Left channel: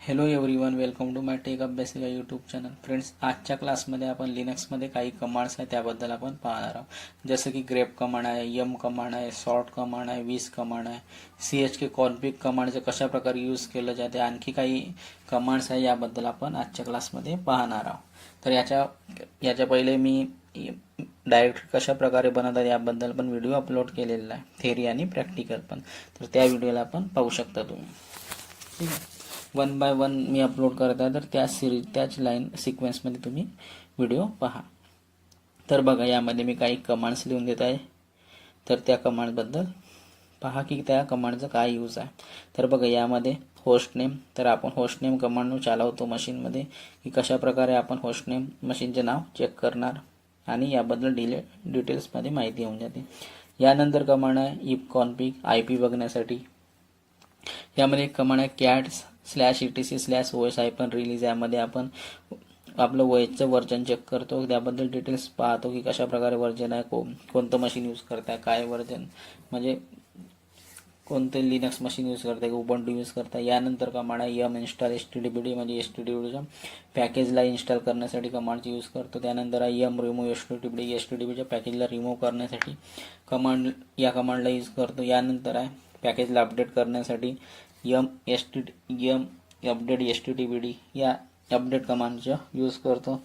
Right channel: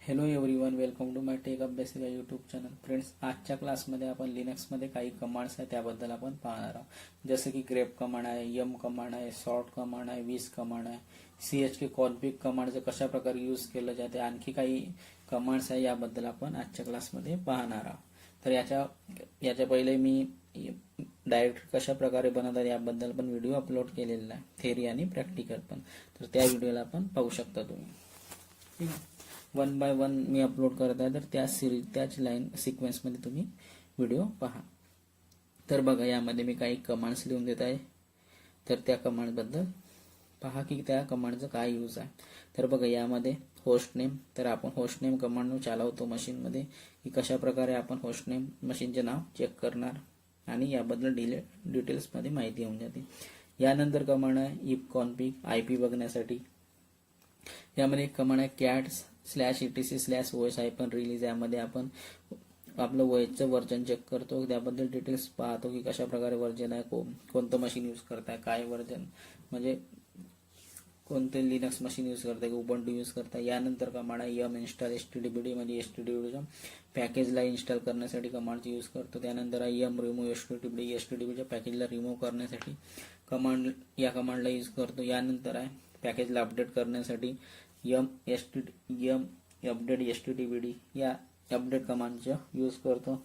Hello everyone, welcome to my tech Abhyasika YouTube channel. Friends, आजच्या क्लासमध्ये आपण लिनक्समध्ये काही कमांड्स आहेत त्याबद्दल आपण पाहणार आहोत. जसं की ग्रेप कमांड आहे, यम कमांड आहे, सॉर्ट कमांड आहे, विस कमांड आहे, CHK कॉन्फिग कमांडचं कशा प्रकारे यूज केलं जाते, आणखी काही कमांड्स आहे याबद्दल आपण आजच्या क्लासमध्ये पाहणार आहोत. तर याच्या पहिले मी डायरेक्ट कशा प्रकारे बनवतात याबद्दल पण व्हिडिओ अपलोड केलेला आहे, थेअरी आणि प्रॅक्टिकल पण. तर त्या व्हिडिओला आपण पाहू शकता तुम्ही. ठीक आहे, 1 बाय 1 मी अपलोड करत आहे, तर त्याच लाईन सिक्वेन्समध्ये तुम्ही व्हिडिओ पहा. तर बघा, यामध्ये मी काही कमांड्स लिहून देत आहे. तर त्या कमांडबद्दल पहा की त्या कमांडचा काय यूज आहे. तर बघा, यामध्ये होस्ट नेम, तर आपण होस्ट नेम कमांड चालवतो मशीनमध्ये की कशा प्रकारे आपण होस्ट नेम मशीनचे नाव चेक करणार आणि याबद्दल डिटेल्समध्ये माहिती होऊन जाते. यानंतर कमांड आहे इफ कॉन्फिग, IP बघण्यासाठी. यामध्ये एक कमांड आहे cat/etc/os-release. यामध्ये आपण आपलं OSचं वर्जन चेक करतो, त्याबद्दल डिटेल्स पाहतो की कशा प्रकारे वर्जन आहे, कोणतं मशीन यूज करताय, काय वर्जन म्हणजे कोणते लिनक्स मशीन यूज करताय, उबंटू यूज करताय. यानंतर कमांड आहे यम इन्स्टॉल stdbd, म्हणजे stdbdच्या पॅकेजला इन्स्टॉल करण्यासाठी कमांडची यूज करतो. त्यानंतर आहे यम रिमूव्ह stdbdच्या पॅकेजला रिमूव्ह करण्यासाठी या कमांडला यूज करतो. यानंतर आहे पॅकेजला अपडेट करण्यासाठी यम अपडेट stdbd या अपडेट कमांडचा यूज करतो.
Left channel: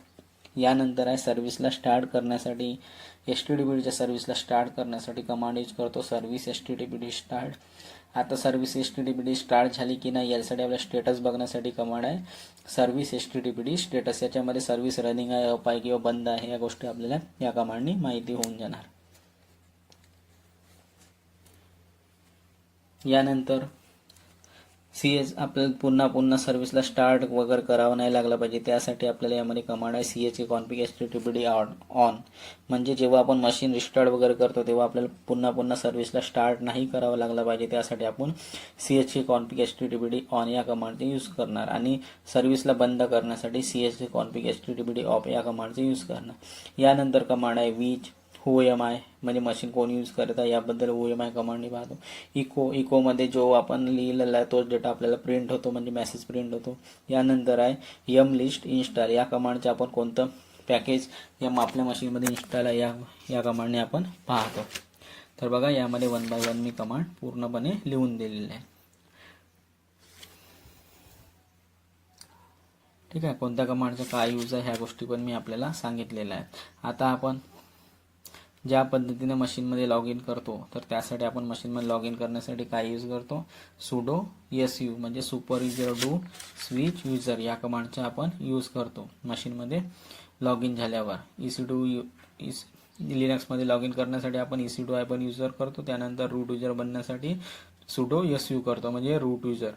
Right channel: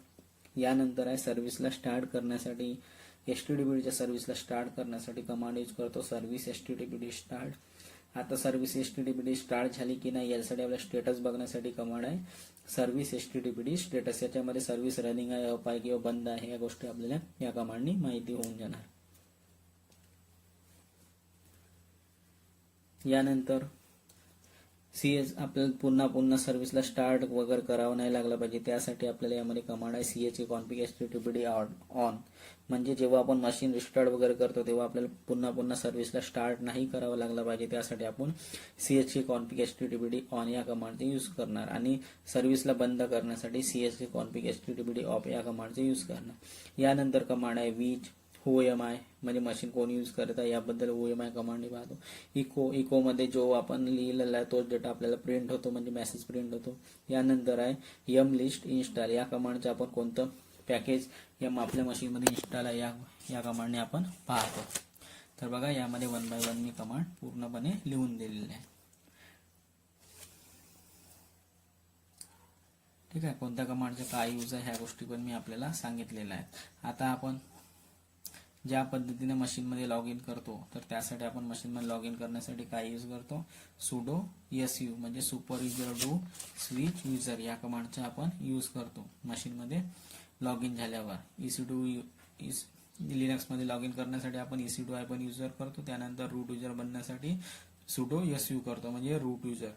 यानंतर आहे सर्व्हिसला स्टार्ट करण्यासाठी stdbdच्या सर्व्हिसला स्टार्ट करण्यासाठी कमांड यूज करतो सर्व्हिस stdbd स्टार्ट. आता सर्व्हिस stdbd स्टार्ट झाली की नाही यासाठी आपल्याला स्टेटस बघण्यासाठी कमांड आहे सर्व्हिस stdbd स्टेटस. याच्यामध्ये सर्व्हिस रनिंग आहे, अप आहे किंवा बंद आहे या गोष्टी आपल्याला या कमांडनी माहिती होऊन जाणार. यानंतर आपल्याला पुन्हा सर्व्हिसला स्टार्ट वगैरे करावं नाही लागलं पाहिजे, त्यासाठी आपल्याला यामध्ये कमांड आहे CHK कॉन्फिग stdbd ऑन. म्हणजे जेव्हा आपण मशीन रिस्टार्ट वगैरे करतो तेव्हा आपल्याला पुन्हा सर्व्हिसला स्टार्ट नाही करावं लागलं पाहिजे, त्यासाठी आपण CHK कॉन्फिग stdbd ऑन या कमांडचा यूज करणार. आणि सर्व्हिसला बंद करण्यासाठी CHK कॉन्फिग stdbd ऑफ या कमांडचा यूज करणार. यानंतर कमांड आहे विच OMI, म्हणजे मशीन कोण यूज करत आहे याबद्दल OMI कमांडनी पाहतो. इकोमध्ये जो आपण लिहिलेला आहे तोच डेटा आपल्याला प्रिंट होतो, म्हणजे मेसेज प्रिंट होतो. यानंतर आहे यम लिस्ट इन्स्टॉल, या कमांडचे आपण कोणतं पॅकेज यम आपल्या मशीनमध्ये इन्स्टॉल आहे या कमांडने आपण पाहतो. तर बघा, यामध्ये 1 बाय 1 मी कमांड पूर्णपणे लिहून दिलेले आहे. ठीक आहे, कोणत्या कमांडचा काय यूज आहे ह्या गोष्टी पण मी आपल्याला सांगितलेल्या आहेत. आता आपण ज्या पद्धतीने मशीनमध्ये लॉग इन करतो, तर त्यासाठी आपण मशीनमध्ये लॉग इन करण्यासाठी काय यूज करतो sudo su, म्हणजे super user do switch user या कमांडचा आपण यूज करतो मशीनमध्ये लॉग इन झाल्यावर. लिनक्समध्ये लॉग इन करण्यासाठी आपण EC2 पण युजर करतो. त्यानंतर रूट युजर बनण्यासाठी sudo su करतो, म्हणजे रूट युजर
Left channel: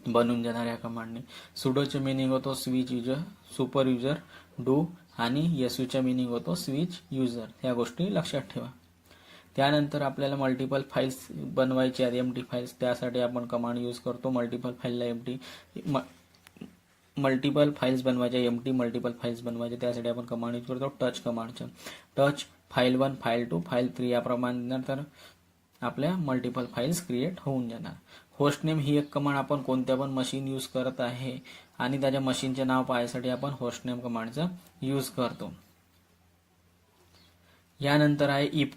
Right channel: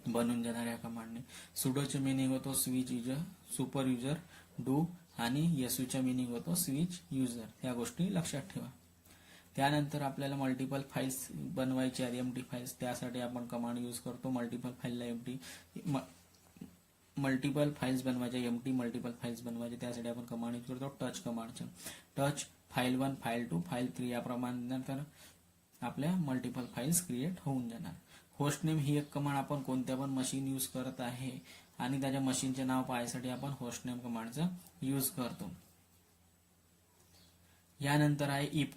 बनून जाणार या कमांडने. सुडोचे मिनिंग होतो switch user, super user do, आणि येसूच्या मिनिंग होतो स्विच युजर. या गोष्टी लक्षात ठेवा. त्यानंतर आपल्याला मल्टिपल फाईल्स बनवायचे आहेत, MT फाईल्स. त्यासाठी आपण कमांड यूज करतो मल्टिपल फाईल्स बनवायचे, MT मल्टिपल फाईल्स बनवायचे. त्यासाठी आपण कमांड यूज करतो टच कमांडचा. टच फाईल 1, फाईल 2, फाईल 3 याप्रमाणे नंतर आपल्या मल्टिपल फाईल्स क्रिएट होऊन जाणार. होस्ट नेम ही एक कमांड आपण कोणत्या पण मशीन यूज करत आहे आणि त्याच्या मशीनचे नाव पाहण्यासाठी आपण होस्ट नेम कमांडचा यूज करतो. यानंतर आहे इफ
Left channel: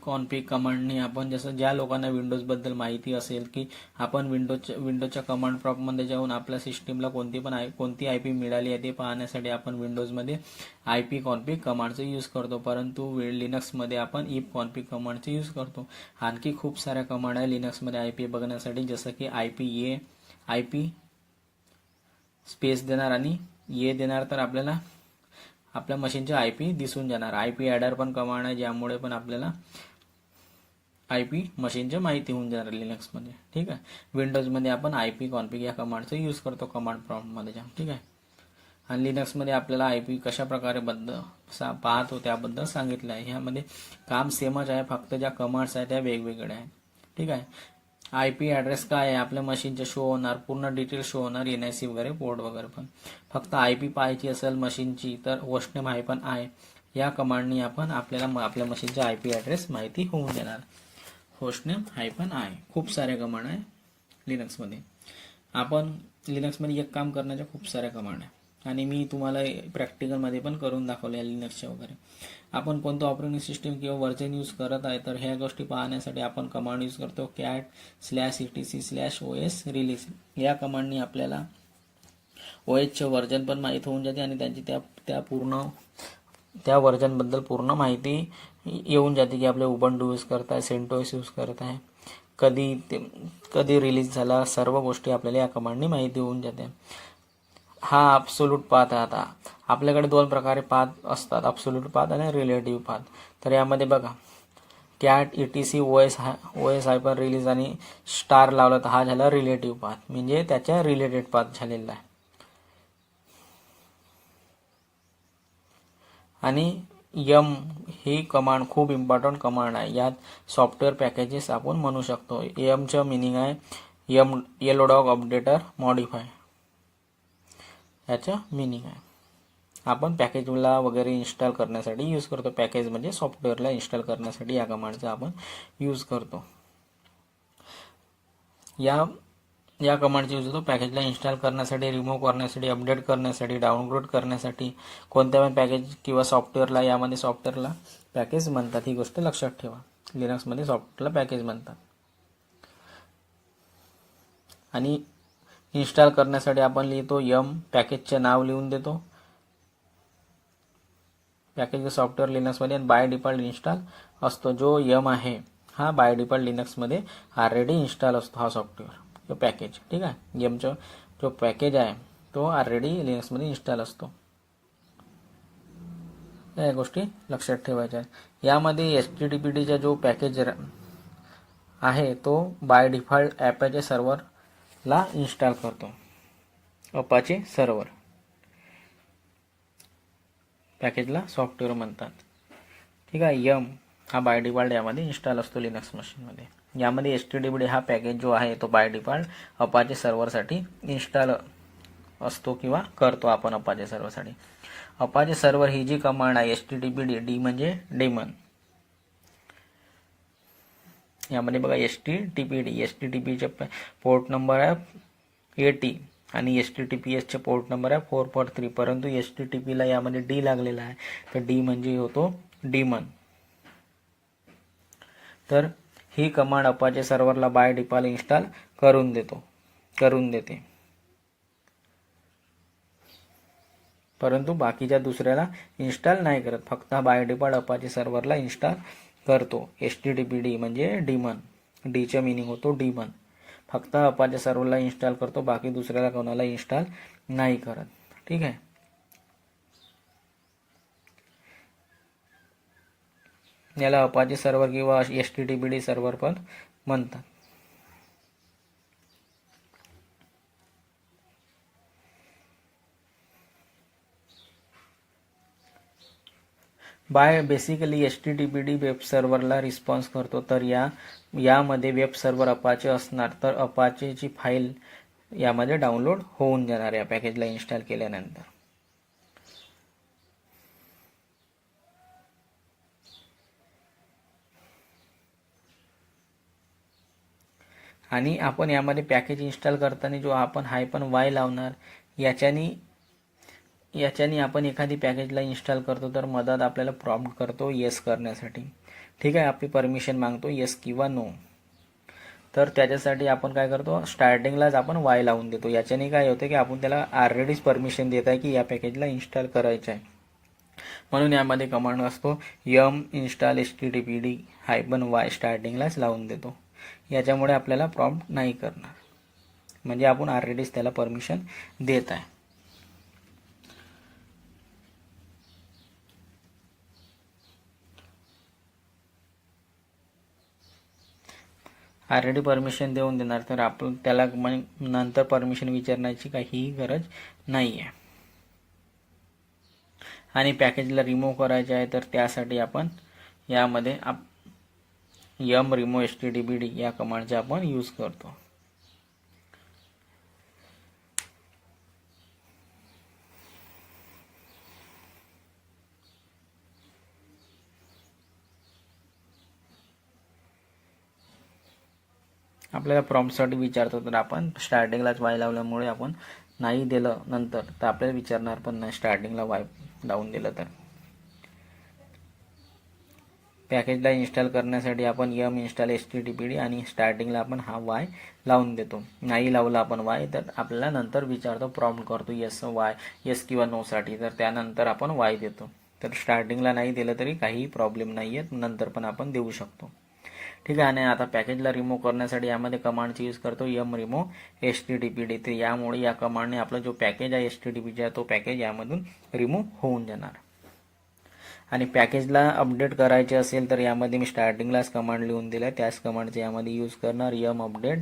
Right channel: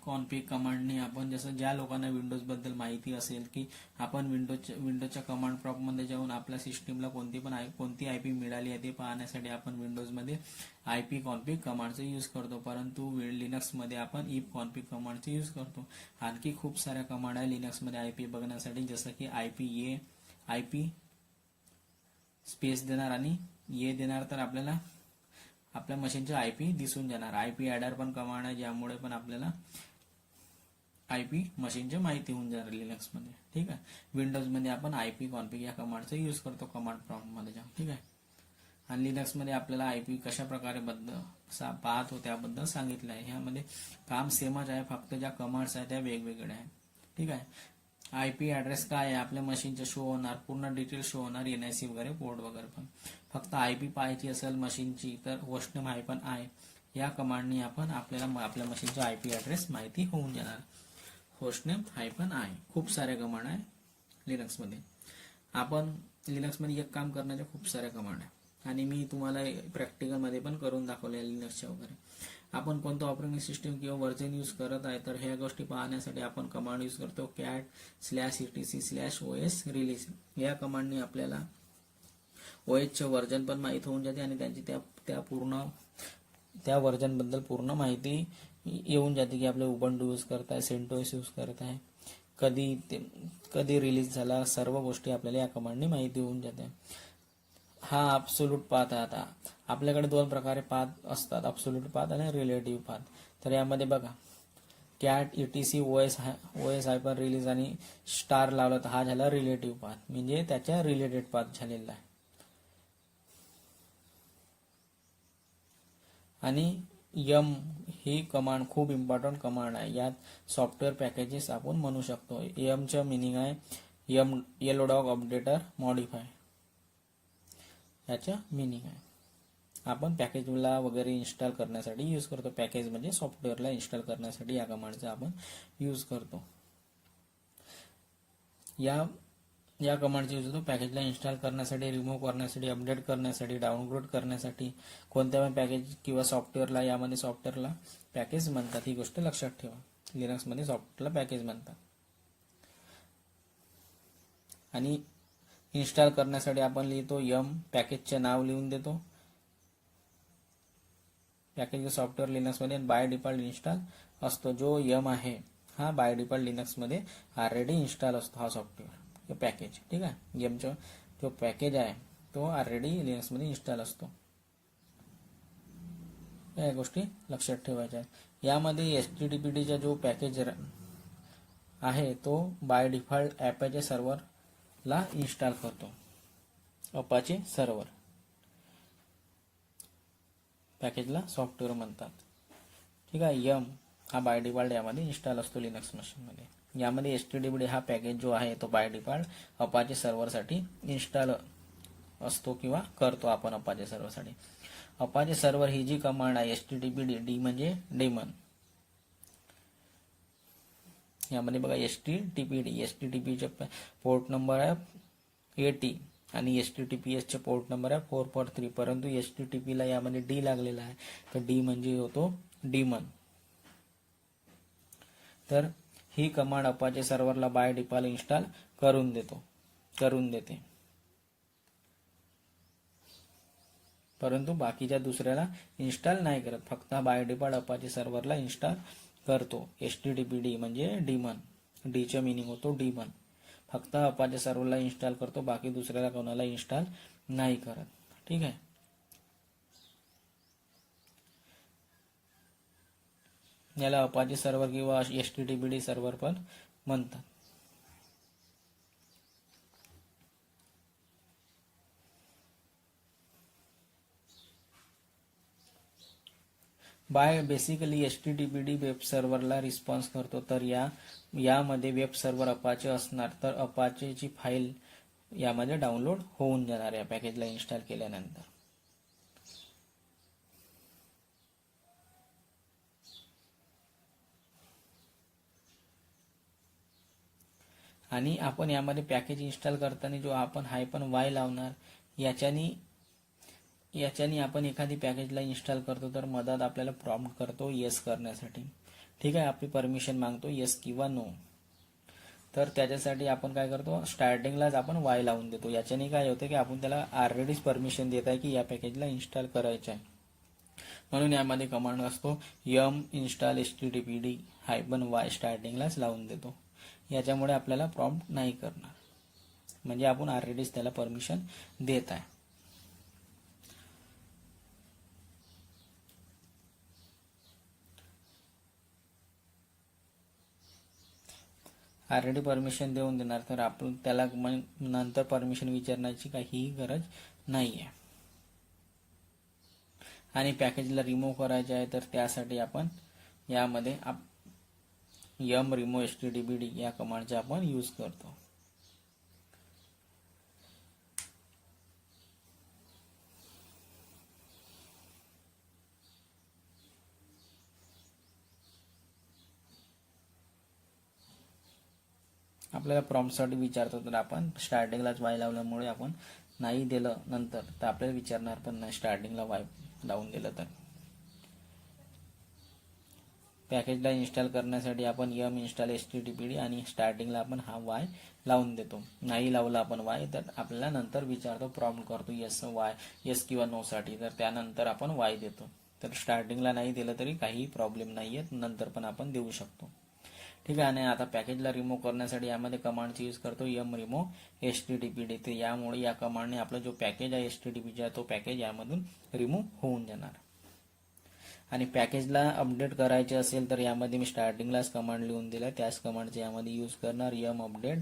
कॉन्फिग कमांडने आपण, जसं ज्या लोकांना विंडोजबद्दल माहिती असेल की आपण विंडोजच्या कमांड प्रॉम्प्टमध्ये जाऊन आपल्या सिस्टीमला कोणती IP मिळाली आहे ते पाहण्यासाठी आपण विंडोजमध्ये IP कॉन्फिग कमांडचा यूज करतो, परंतु लिनक्समध्ये आपण इफ कॉन्फिग कमांडचा यूज करतो. आणखी खूप साऱ्या कमांड आहे लिनक्समध्ये IP बघण्यासाठी, जसं की IP स्पेस देणार आणि देणार, तर आपल्याला आपल्या मशीनचे IP दिसून जाणार. IP ॲडर पण कमांड आहे, ज्यामुळे पण आपल्याला IP मशीनची माहिती होऊन जाणार लिनक्समध्ये. ठीक आहे, विंडोजमध्ये आपण IP कॉन्फिग या कमांडचा यूज करतो कमांड प्रॉम्प्टमध्ये जाऊन. ठीक आहे, आणि लिनक्समध्ये आपल्याला IP कशा प्रकारे पाहतो त्याबद्दल सांगितलं आहे. ह्यामध्ये काम सेमच आहे, फक्त ज्या कमांड्स आहेत त्या वेगवेगळ्या आहेत. ठीक आहे, IP ॲड्रेस काय आहे आपल्या मशीनचे शो होणार, पूर्ण डिटेल शो होणार, NIC वगैरे पोर्ट वगैरे पण. फक्त IP पाहायची असेल मशीनची तर होस्टनेम -i या कमांडनी आपण आपल्याला आपल्या मशीनचा IP ॲड्रेस माहिती होऊन देणार. होस्टनेम -i खूप साऱ्या कमांड आहे लिनक्समध्ये. आपण लिनक्समध्ये एक काम करण्याच्या खूप साऱ्या कमांड आहे आणि मी तुम्हाला प्रॅक्टिकलमध्ये पण करून दाखवले आहे लिनक्सच्या वगैरे. आपण कोणतं ऑपरेटिंग सिस्टीम किंवा व्हर्जन यूज करत आहे तर ह्या गोष्टी पाहण्यासाठी आपण कमांड यूज करतो cat/etc/os रिलीज. या कमांडनी आपल्याला OSचे व्हर्जन पण माहीत होऊन जाते आणि त्यांची त्या व्हर्जनबद्दल पूर्ण माहिती येऊन जाते की आपले उबंटू यूज करत आहे, सेंटोस यूज करत आहे, कधी रिलीज झाला, सर्व गोष्टी आपल्याला या कमांडनी माहिती होऊन जाते. हा ॲब्सोल्यूट पाथ आहे. आता आपल्याकडे दोन प्रकारे पाथ असतात, ॲब्सोल्यूट पाथ आणि रिलेटिव्ह पाथ. तर यामध्ये बघा cat/etc/os रिलीज आणि स्टार लावला तर हा झाला रिलेटिव्ह पाथ, म्हणजे त्याच्या रिलेटेड पाथ झालेला आहे. आणि यम ही कमांड खूप इम्पॉर्टंट कमांड आहे. यात सॉफ्टवेअर पॅकेजेस आपण म्हणू शकतो. यमचं मिनिंग आहे येलो डॉग अपडेटर मॉडिफाय, याचं मिनिंग आहे. आपण पॅकेजला वगैरे इन्स्टॉल करण्यासाठी यूज करतो. पॅकेज म्हणजे सॉफ्टवेअरला इन्स्टॉल करण्यासाठी या कमांडचा आपण यूज करतो. या कमांडचा यूज होतो पॅकेजला इन्स्टॉल करण्यासाठी, रिमूव्ह करण्यासाठी, अपडेट करण्यासाठी, डाउनलोड करण्यासाठी. कोणत्या पण पॅकेज किंवा सॉफ्टवेअरला, यामध्ये सॉफ्टवेअरला पॅकेज म्हणतात, ही गोष्ट लक्षात ठेवा. लिनक्समध्ये सॉफ्टवेअरला पॅकेज म्हणतात. आणि इन्स्टॉल करण्यासाठी आपण लिहितो यम, पॅकेजचे नाव लिहून देतो. पॅकेज सॉफ्टवेअर लिनक्समध्ये बाय डिफॉल्ट इन्स्टॉल असतो. जो यम आहे हा बाय डिफॉल्ट लिनक्समध्ये ऑलरेडी इन्स्टॉल असतो, हा सॉफ्टवेअर पॅकेज. ठीक आहे, यमचा जो पॅकेज आहे तो ऑलरेडी लिनक्समध्ये इन्स्टॉल असतो. या गोष्टी लक्षात ठेवायच्या. यामध्ये HTTPDचा जो पॅकेज आहे तो बाय डिफॉल्ट अपाचे सर्व्हरला इन्स्टॉल करतो. अपाचे सर्व्हर पॅकेजला सॉफ्टवेअर म्हणतात. ठीक आहे, यम हा बाय डिफॉल्ट यामध्ये इन्स्टॉल असतो लिनक्स मशीनमध्ये. यामध्ये HTTPD हा पॅकेज जो आहे तो बाय डिफॉल्ट अपाचे सर्व्हरसाठी इन्स्टॉल असतो किंवा करतो आपण अपाचे सर्व्हरसाठी. अपाचे सर्व्हर ही जी कमांड आहे HTTPD, डी म्हणजे डेमन. यामध्ये बघा HTTPचे पोर्ट नंबर आहे 80 आणि HTTPSचे पोर्ट नंबर आहे 443, परंतु HTTPला यामध्ये डी लागलेला आहे, तर डी म्हणजे होतो डीमन. तर ही कमांड अपाचे सर्व्हरला बाय डिफॉल्ट इन्स्टॉल करून देते, परंतु बाकीच्या दुसऱ्याला इन्स्टॉल नाही करत. फक्त बाय डिफॉल्ट अपाचे सर्व्हरला इन्स्टॉल करतो. HTTPD म्हणजे डीमन, डीचे मिनिंग होतो डीमन. फक्त अपाचे सर्व्हरला इन्स्टॉल करतो, बाकी दुसऱ्याला कोणाला इन्स्टॉल नाही करत. ठीक आहे, याला अपाचे सर्व्हर किंवा HTTPD सर्व्हर पण म्हणतात. बेसिकली HTTPD वेब सर्व्हरला रिस्पॉन्स करतो. तर यामध्ये वेब सर्व्हर अपाचे असणार, तर अपाचेची फाईल यामध्ये डाउनलोड होऊन जाणार या पॅकेजला इन्स्टॉल केल्यानंतर. आणि आपण यामध्ये पॅकेज इन्स्टॉल करताना जो आपण -y लावणार, याच्यानी आपण एखादी पॅकेजला इन्स्टॉल करतो तर मदत आपल्याला प्रॉम्प्ट करतो येस करण्यासाठी. ठीक आहे, आपली परमिशन मागतो येस किंवा नो. तर त्याच्यासाठी आपण काय करतो, स्टार्टिंगलाच आपण y लावून देतो. याच्याने काय होते की आपण त्याला ऑलरेडीच परमिशन देत आहे की या पॅकेजला इन्स्टॉल करायचं आहे. म्हणून यामध्ये कमांड असतो यम इन्स्टॉल HTTPD -y स्टार्टिंगलाच लावून देतो. याच्यामुळे आपल्याला प्रॉम्प्ट नाही करणार, म्हणजे आपण ऑलरेडीच त्याला परमिशन देत आहे. ऑलरेडी परमिशन देऊन देणार, तर आपण त्याला नंतर परमिशन विचारण्याची काहीही गरज नाही आहे. आणि पॅकेजला रिमूव्ह करायचे आहे तर त्यासाठी आपण यामध्ये यम रिमूव्ह HTTPD या कमांडचा आपण यूज करतो. आपल्याला प्रॉम्प्टसाठी विचारतो, तर आपण स्टार्टिंगलाच वाय लावल्यामुळे आपण नाही दिलं नंतर तर आपल्याला विचारणार पण नाही स्टार्टिंगला वाय लावून दिलं तर. पॅकेजला इन्स्टॉल करण्यासाठी आपण यम इन्स्टॉल HTTPD आणि स्टार्टिंगला आपण हा वाय लावून देतो. नाही लावला आपण वाय तर आपल्याला नंतर विचारतो, प्रॉम्प्ट करतो येस वाय, येस किंवा नो साठी, तर त्यानंतर आपण वाय देतो. तर स्टार्टिंगला नाही दिलं तरी काही प्रॉब्लेम नाही आहे, नंतर पण आपण देऊ शकतो. ठीक आहे. आणि आता पॅकेजला रिमूव्ह करण्यासाठी यामध्ये कमांडची यूज करतो यम रिमूव्ह HTTPD. तर यामुळे या कमांडने आपला जो पॅकेज आहे HTTPचा तो पॅकेज यामधून रिमूव्ह होऊन जाणार. आणि पॅकेजला अपडेट करायचे असेल तर यामध्ये मी स्टार्टिंगलाच कमांड लिहून दिलाय, त्याच कमांडचे यामध्ये यूज करणार यम अपडेट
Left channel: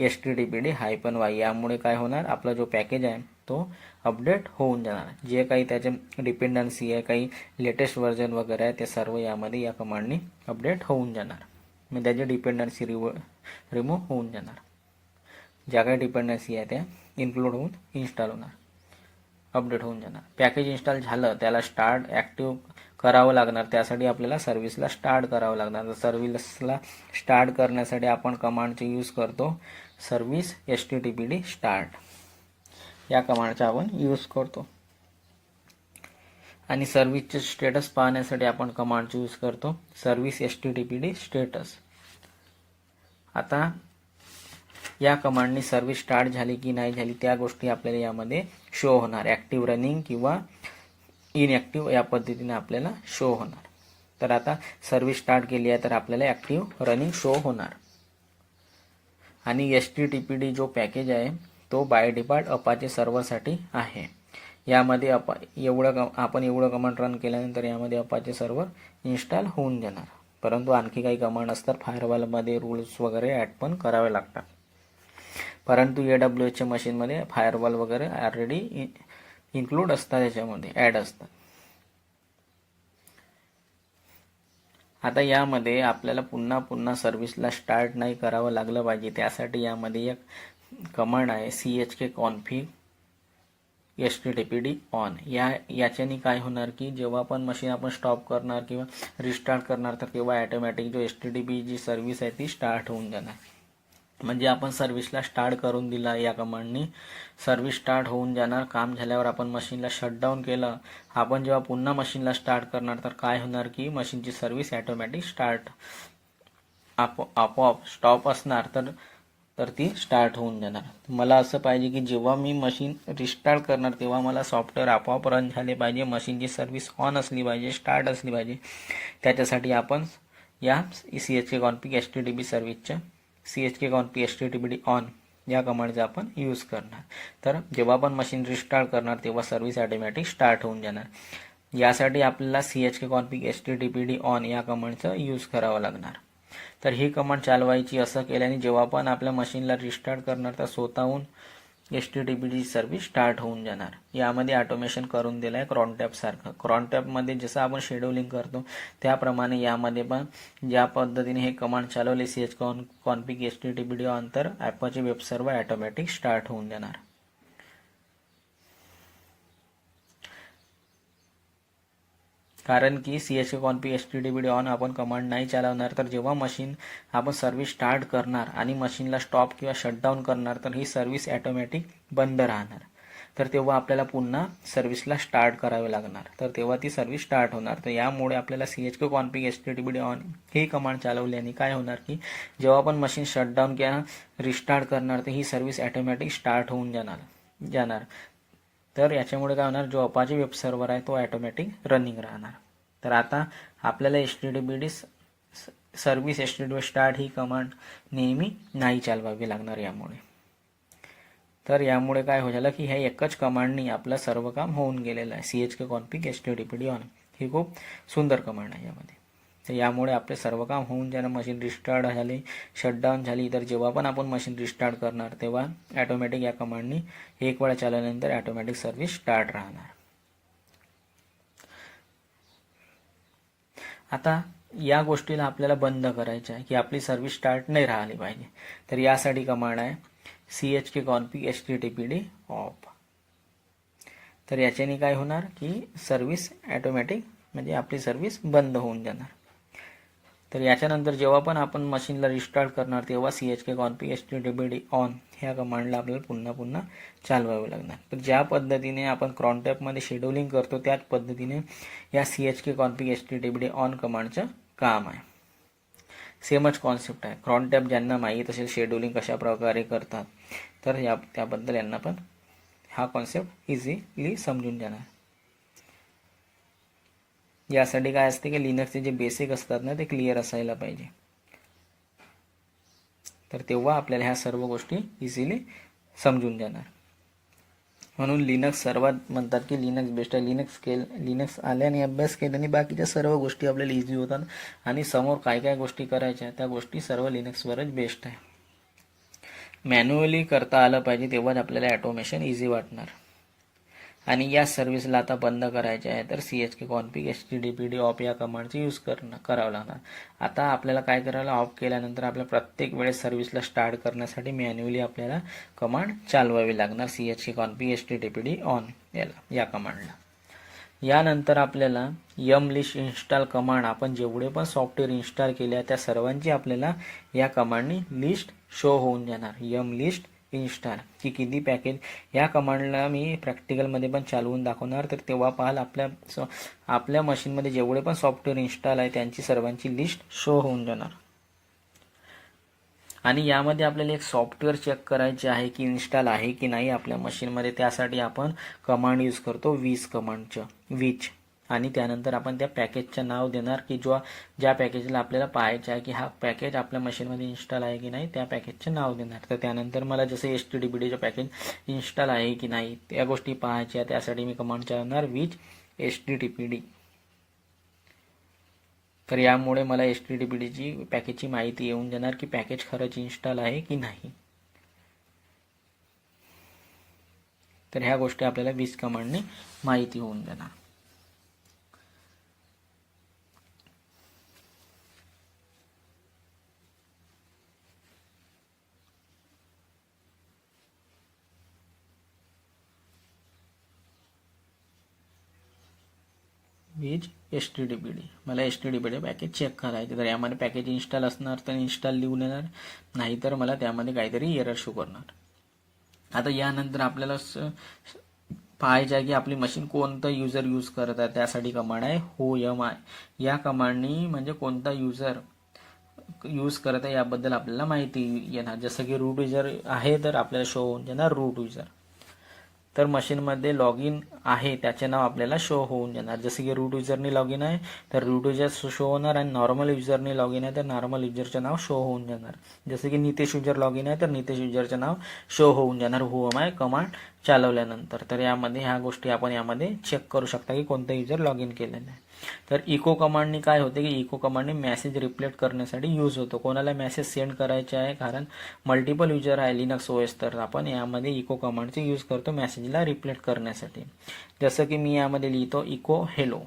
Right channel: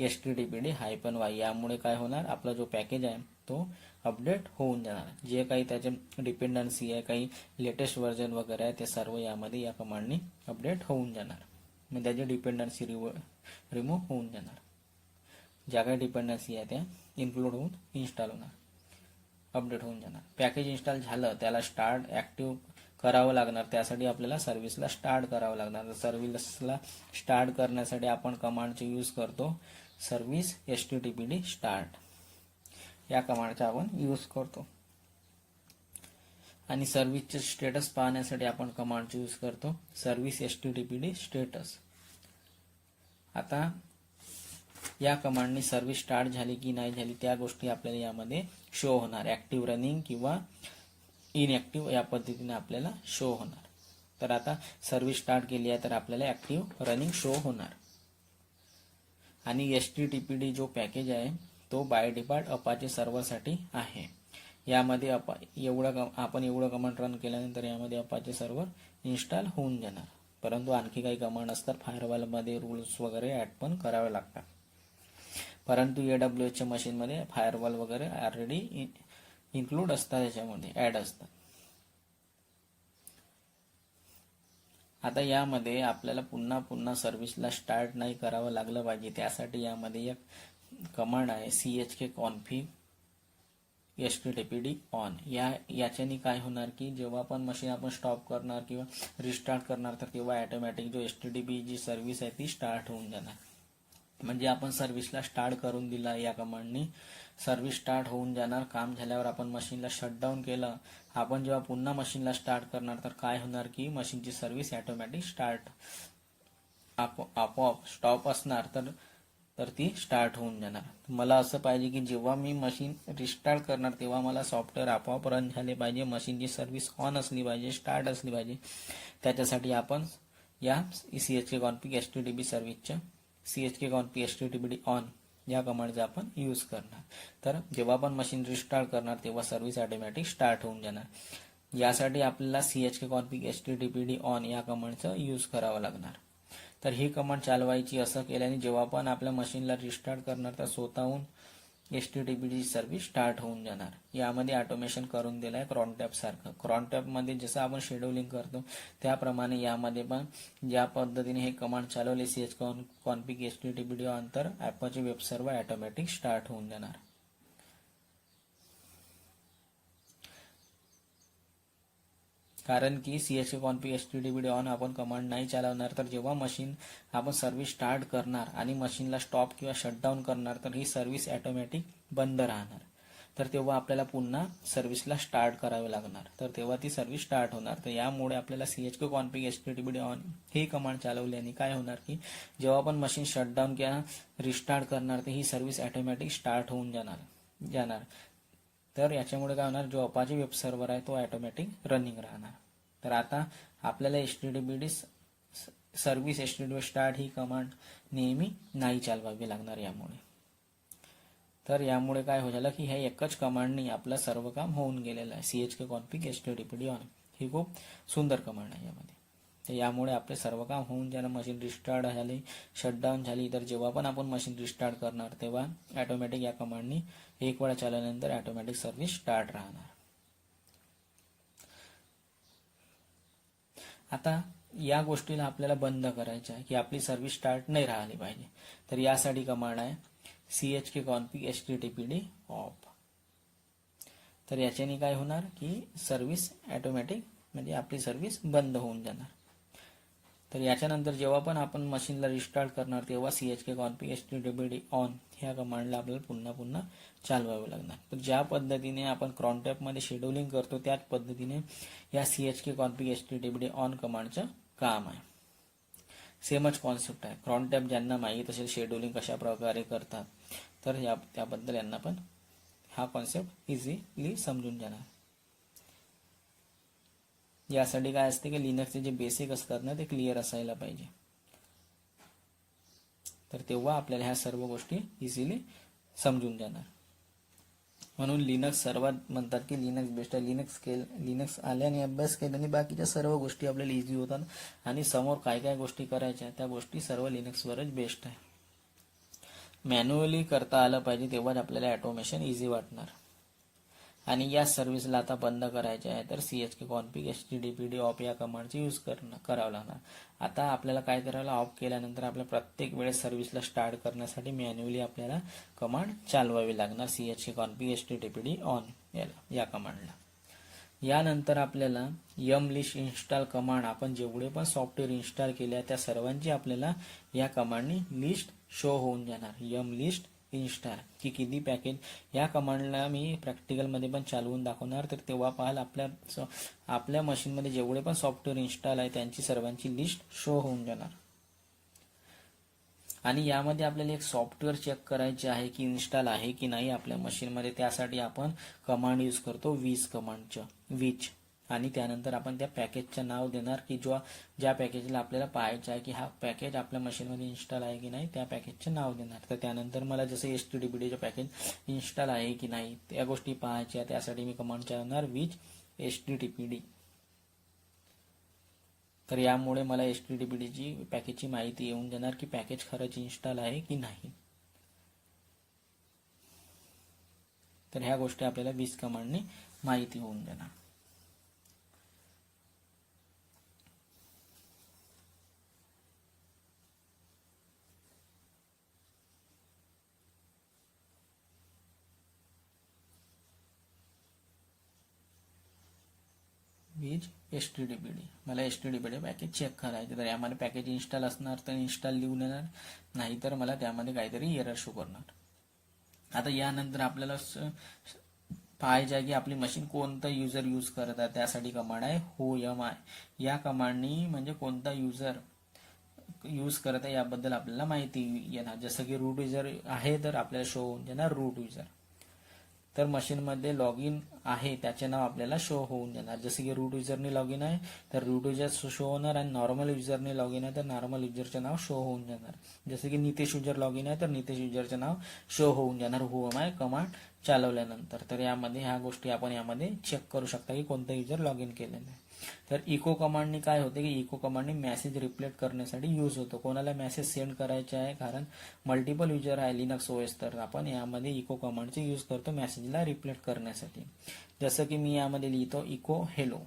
HTTPD-y. यामुळे काय होणार, आपला जो पॅकेज आहे तो अपडेट होऊन जाणार. जे काही त्याचे डिपेंडन्सी आहे, काही लेटेस्ट व्हर्जन वगैरे आहे, ते सर्व यामध्ये या कमांडनी अपडेट होऊन जाणार. मग त्याची डिपेंडन्सी रिमूव्ह होऊन जाणार. ज्या काही डिपेंडन्सी आहे त्या इन्क्लूड होऊन इन्स्टॉल होणार, अपडेट होऊन जाणार. पॅकेज इन्स्टॉल झालं त्याला स्टार्ट ॲक्टिव्ह करावं लागणार. त्यासाठी आपल्याला सर्व्हिसला स्टार्ट करावं लागणार. तर सर्व्हिसला स्टार्ट करण्यासाठी आपण कमांडचे यूज करतो सर्व्हिस HTTPD स्टार्ट. या कमांडचा आपण यूज करतो. आणि सर्व्हिसचे स्टेटस पाहण्यासाठी आपण कमांडचे यूज करतो सर्व्हिस HTTPD स्टेटस. आता या कमांडनी सर्व्हिस स्टार्ट झाली की नाही झाली त्या गोष्टी आपल्याला यामध्ये शो होणार. ॲक्टिव्ह रनिंग किंवा इनॲक्टिव्ह या पद्धतीने आपल्याला शो होणार. तर आता सर्व्हिस स्टार्ट केली आहे तर आपल्याला ॲक्टिव्ह रनिंग शो होणार. आणि HTTPD जो पॅकेज आहे तो बाय डिफॉल्ट अपाचे सर्व्हरसाठी आहे. यामध्ये आपण एवढं कमांड रन केल्यानंतर यामध्ये अपाचे सर्व्हर इन्स्टॉल होऊन जाणार. परंतु आणखी काही कमांड असतात फायरवॉलमध्ये रूल्स वगैरे ॲड पण करावे लागतात. परंतु AWSच्या मशीनमध्ये फायरवॉल वगैरे ऑलरेडी इन्क्लूड असतात, याच्यामध्ये ॲड असतात. आता यामध्ये आपल्याला पुन्हा सर्व्हिसला स्टार्ट नाही करावं लागलं पाहिजे. त्यासाठी यामध्ये एक कमांड आहे chk config HTTPD on. याच्याने काय होणार की जेव्हा पण मशीन आपण स्टॉप करणार किंवा रिस्टार्ट करणार तर तेव्हा ऑटोमॅटिक जो HTTP जी सर्व्हिस आहे ती स्टार्ट होऊन जाणार. म्हणजे आपण सर्व्हिसला स्टार्ट करून दिला या कमांडनी, सर्व्हिस स्टार्ट होऊन जाणार. काम झाल्यावर आपण मशीनला शटडाऊन केलं, आपण जेव्हा पुन्हा मशीनला स्टार्ट करणार तर काय होणार की मशीनची सर्व्हिस ऑटोमॅटिक स्टार्ट, आपोआप स्टॉप असणार तर ती स्टार्ट होऊन जाणार. मला असं पाहिजे की जेव्हा मी मशीन रिस्टार्ट करणार तेव्हा मला सॉफ्टवेअर आपोआप रन झाले पाहिजे, मशीनची सर्व्हिस ऑन असली पाहिजे, स्टार्ट असली पाहिजे. त्याच्यासाठी आपण या chk config HTTP सर्व्हिसच्या chk config HTTPD on या कमांडचा आपण यूज करणार. तर जेव्हा आपण मशीन रिस्टार्ट करणार तेव्हा सर्व्हिस ऑटोमॅटिक स्टार्ट होऊन जाणार. यासाठी आपल्याला chk config HTTPD on या कमांडचा यूज करावा लागणार. तर ही कमांड चालवायची. असं केल्याने जेव्हा पण आपल्या मशीनला रिस्टार्ट करणार तर स्वतःहून HTTPD सर्व्हिस स्टार्ट होऊन जाणार. यामध्ये ऑटोमेशन करून दिलं आहे क्रॉनटॅप सारखं. क्रॉनटॅपमध्ये जसं आपण शेड्यूलिंग करतो त्याप्रमाणे यामध्ये पण ज्या पद्धतीने हे कमांड चालवले chk config HTTPD on तर ॲपचे वेब सर्व्हर ऑटोमॅटिक स्टार्ट होऊन जाणार. कारण की chk config HTTPD on आपण कमांड नाही चालवणार तर जेव्हा मशीन आपण सर्व्हिस स्टार्ट करणार आणि मशीनला स्टॉप किंवा शटडाऊन करणार तर ही सर्व्हिस ऑटोमॅटिक बंद राहणार. तर तेव्हा आपल्याला पुन्हा सर्व्हिसला स्टार्ट करावे लागणार, तर तेव्हा ती सर्व्हिस स्टार्ट होणार. तर यामुळे आपल्याला chk config HTTPD on ही कमांड चालवल्याने काय होणार की जेव्हा आपण मशीन शटडाऊन किंवा रिस्टार्ट करणार तर ही सर्व्हिस ऑटोमॅटिक स्टार्ट होऊन जाणार. तर याच्यामुळे काय होणार, जो अपाचे वेब सर्व्हर आहे तो ऑटोमॅटिक रनिंग राहणार. तर आता आपल्याला HTTPD सर्व्हिस HTTP स्टार्ट ही कमांड नेहमी नाही चालवावी लागणार यामुळे. तर यामुळे काय हो झालं की ह्या एकच कमांडनी आपलं सर्व काम होऊन गेलेलं आहे. chk config HTTPD on ही खूप सुंदर कमांड आहे यामध्ये. तर यामुळे आपले सर्व काम होऊन जाणं, मशीन रिस्टार्ट झाली, शटडाऊन झाली तर जेव्हा पण आपण मशीन रिस्टार्ट करणार तेव्हा ऑटोमॅटिक या कमांडनी एक वेळा चालवल्यानंतर ऑटोमॅटिक सर्व्हिस स्टार्ट राहणार. आता या गोष्टीला आपल्याला बंद करायचं आहे की आपली सर्व्हिस स्टार्ट नाही राहिली पाहिजे. तर यासाठी कमांड आहे chk config HTTPD off. तर याच्याने काय होणार की सर्व्हिस ऑटोमॅटिक म्हणजे आपली सर्व्हिस बंद होऊन जाणार. तर याच्यानंतर जेव्हा पण आपण मशीनला रिस्टार्ट करणार तेव्हा CHK config HTTPD ऑन ह्या कमांडला आपल्याला पुन्हा पुन्हा चालवावे लागणार. तर ज्या पद्धतीने आपण क्रॉनटॅपमध्ये शेड्यूलिंग करतो त्याच पद्धतीने या CHK config HTTPD ऑन कमांडचं काम आहे. सेमच कॉन्सेप्ट आहे. क्रॉनटॅप ज्यांना माहीत असेल शेड्यूलिंग कशा प्रकारे करतात तर त्याबद्दल यांना पण हा कॉन्सेप्ट इझिली समजून जाणार. यासाठी काय असते की लिनक्सचे जे बेसिक असतात ना ते क्लिअर असायला पाहिजे. तर तेव्हा आपल्याला ह्या सर्व गोष्टी इझिली समजून जाणार. म्हणून लिनक्स सर्वात म्हणतात की लिनक्स बेस्ट आहे. लिनक्स आल्याने अभ्यास केल्याने बाकीच्या सर्व गोष्टी आपल्याला इझी होतात आणि समोर काय काय गोष्टी करायच्या त्या गोष्टी सर्व लिनक्सवरच बेस्ट आहे. मॅन्युअली करता आलं पाहिजे तेव्हाच आपल्याला ऑटोमेशन इझी वाटणार. आणि या सर्व्हिसला आता बंद करायचे आहे तर CHK config HTTPD ऑफ या कमांडचा यूज करावं लागणार. आता आपल्याला काय करायला ऑफ केल्यानंतर आपल्या प्रत्येक वेळेस सर्व्हिसला स्टार्ट करण्यासाठी मॅन्युअली आपल्याला कमांड चालवावी लागणार CHK config HTTPD ऑन या कमांडला. यानंतर आपल्याला mlist इन्स्टॉल कमांड आपण जेवढे पण सॉफ्टवेअर इन्स्टॉल केले त्या सर्वांची आपल्याला या कमांडनी लिस्ट शो होऊन जाणार. mlist इन्स्टॉल की किती पॅकेज या कमांडला मी प्रॅक्टिकलमध्ये पण चालवून दाखवणार. तर तेव्हा पाहाल आपल्या मशीनमध्ये जेवढे पण सॉफ्टवेअर इन्स्टॉल आहे त्यांची सर्वांची लिस्ट शो होऊन जाणार. आणि यामध्ये आपल्याला एक सॉफ्टवेअर चेक करायचे आहे की इन्स्टॉल आहे की नाही आपल्या मशीनमध्ये. त्यासाठी आपण कमांड यूज करतो विच कमांडचं विच. आणि त्यानंतर आपण त्या पॅकेजचं नाव देणार की ज्या पॅकेजला आपल्याला पाहायचं आहे की हा पॅकेज आपल्या मशीनमध्ये इन्स्टॉल आहे की नाही त्या पॅकेजचं नाव देणार. तर त्यानंतर मला जसं HTTPDचं पॅकेज इन्स्टॉल आहे की नाही त्या गोष्टी पाहायच्या त्यासाठी मी कमांड चालवणार विच HTTPD. तर यामुळे मला HTTPDची पॅकेजची माहिती येऊन जाणार की पॅकेज खरंच इन्स्टॉल आहे की नाही. तर ह्या गोष्टी आपल्याला विच कमांडने माहिती होऊन जाणार. विच HTTPD मला HTTPD पॅकेज चेक करायचे. तर यामध्ये पॅकेज इन्स्टॉल असणार तर इन्स्टॉल लिहून येणार, नाहीतर मला त्यामध्ये काहीतरी एरर शो करणार. आता यानंतर आपल्याला पाहायचं आहे की आपली मशीन कोणतं युजर यूज करत आहे. त्यासाठी कमांड आहे whoami. या कमांडनी म्हणजे कोणता युजर यूज करत आहे याबद्दल आपल्याला माहिती येणार. जसं की रूट युजर आहे तर आपल्याला शो होऊन जाणार रूट युजर. तर मशीनमध्ये लॉग इन आहे त्याचे नाव आपल्याला शो होऊन जाणार. जसे की रूट युजरने लॉग इन आहे तर रूट युजर शो होणार आणि नॉर्मल युजरने लॉग इन आहे तर नॉर्मल युजरचे नाव शो होऊन जाणार. जसे की नितेश युजर लॉग इन आहे तर नितेश युजरचे नाव शो होऊन जाणार whoami कमांड चालवल्यानंतर. तर यामध्ये ह्या गोष्टी आपण यामध्ये चेक करू शकता की कोणतं युजर लॉग इन केलेलं आहे. तर इको कमांडनी काय होते की इको कमांडने मेसेज रिप्लेट करण्यासाठी यूज होतो. कोणाला मेसेज सेंड करायचे आहे कारण मल्टिपल युजर आहे लिनक्स OS तर आपण यामध्ये इको कमांडचे यूज करतो मेसेजला रिप्लेट करण्यासाठी. जसं की मी यामध्ये लिहितो इको हेलो.